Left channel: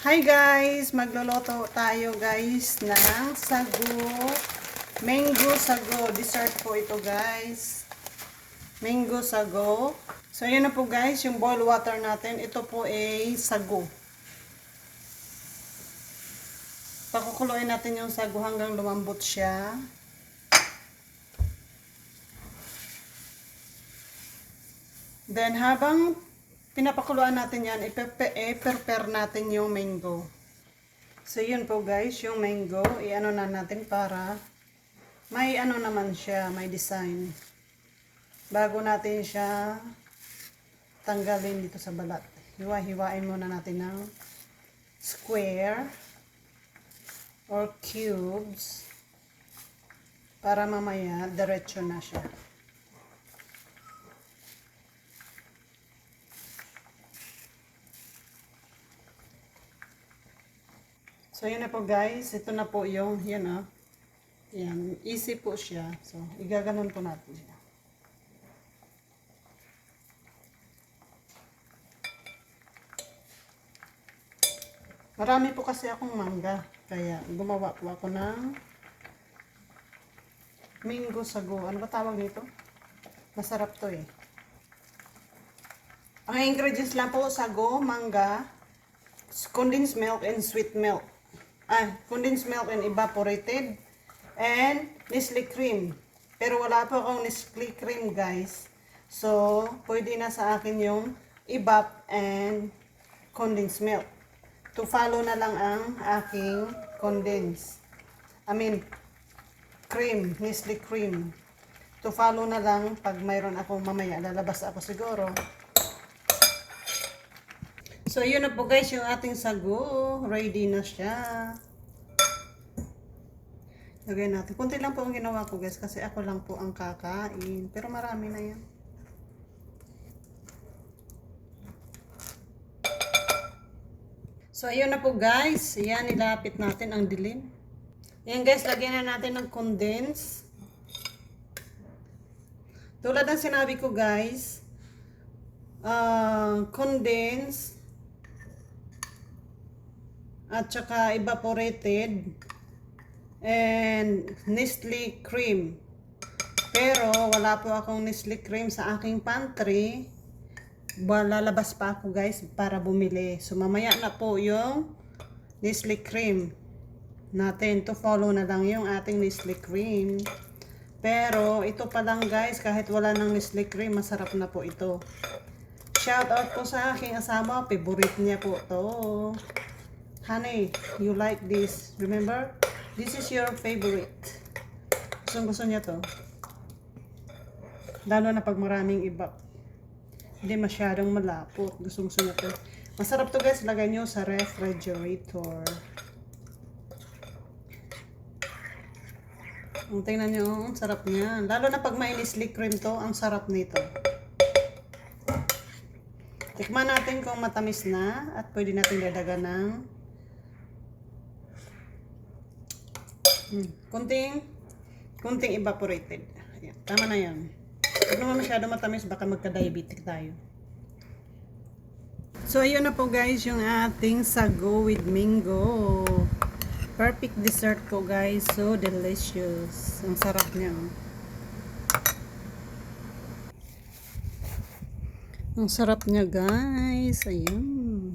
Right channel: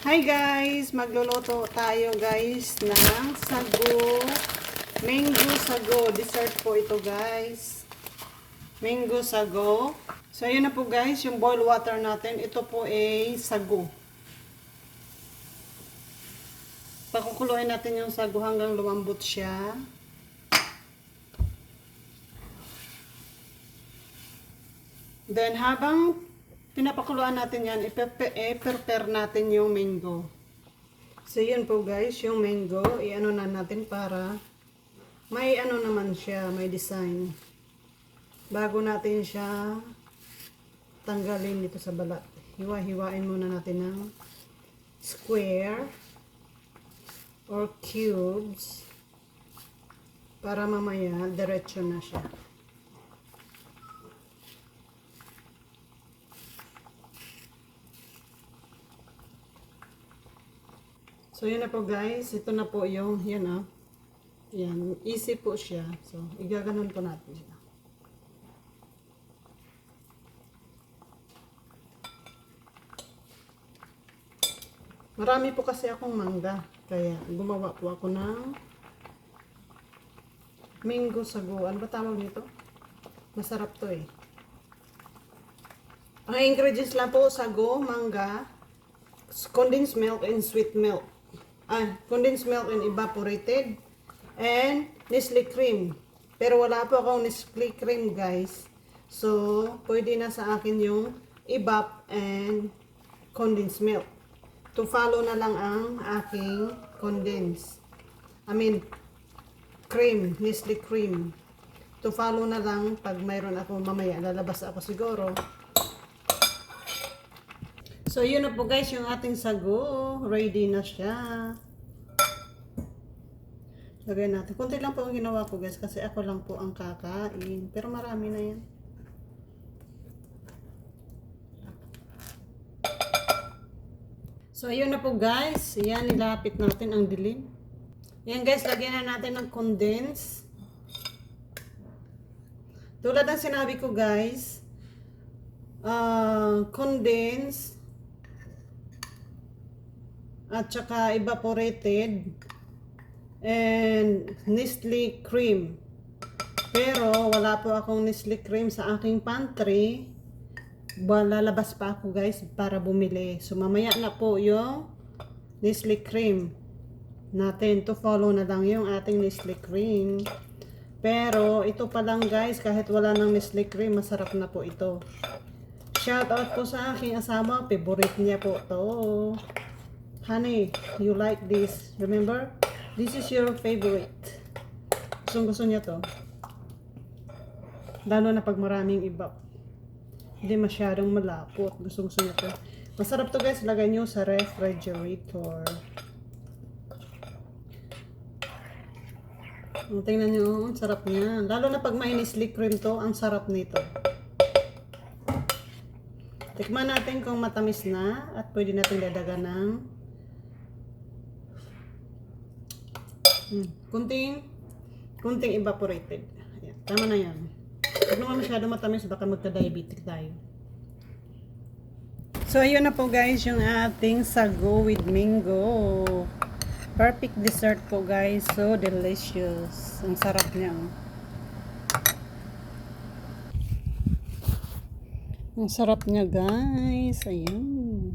Hi guys! Magluluto tayo guys ng sago. Mango sago. Dessert po ito guys. Mango sago. So yun na po guys, yung boil water natin. Ito po ay sago. Pakukuluin natin yung sago hanggang lumambot siya. Then habang pinapakuluan natin yan, i-prepare natin yung mango. So yun po guys, yung mango, i-ano na natin para may ano naman siya, may design. Bago natin siya tanggalin dito sa balat. Hiwa-hiwain muna natin ng square or cubes para mamaya diretso na siya. So, yun na po guys. Ito na po yung, yan ah. Yan. Easy po siya. So, igaganon po natin siya. Marami po kasi akong mangga. Kaya, gumawa po ako ng mango sago. Ano ba tawag nito? Masarap to eh. Ang ingredients lang po, sago, mangga, condensed milk, and sweet milk. Condensed milk and evaporated, and Nestle cream. Pero wala po akong Nestle cream guys. So, pwede na sa akin yung evap and condensed milk. To follow na lang ang aking cream, Nestle cream. To follow na lang pag mayroon ako mamaya, lalabas ako siguro. So, yun na po guys, yung ating sago. Ready na siya. Lagay natin. Kunti lang po ang ginawa ko guys, kasi ako lang po ang kakain. Pero marami na yan. So, ayun na po guys. Yan, nilapit natin ang dilim. Yan guys, lagyan na natin ng condense. Tulad ng sinabi ko guys, condense at saka evaporated and Nestle cream. Pero wala po akong Nestle cream sa aking pantry. Lalabas pa ako guys para bumili. So mamaya na po yung Nestle cream natin. To follow na lang yung ating Nestle cream. Pero ito pa lang guys, kahit wala ng Nestle cream, masarap na po ito. Shout out po sa aking asawa, favorite niya po to. Honey, you like this. Remember? This is your favorite. Gusto niya to. Lalo na pag maraming iba. Hindi masyadong malapot. Gusto niya to. Masarap to guys. Lagay nyo sa refrigerator. Tingnan nyo. Ang sarap niya. Lalo na pag may Nestle cream to. Ang sarap nito. Tikman natin kung matamis na. At pwede natin dadagan ng kunting evaporated. Ayan, tama na yan. Huwag naman masyado matamis, baka magka-diabetic tayo. So, ayun na po guys, yung ating sago with mango. Perfect dessert po guys. So delicious. Ang sarap niya. Oh. Ang sarap niya guys. Ayan.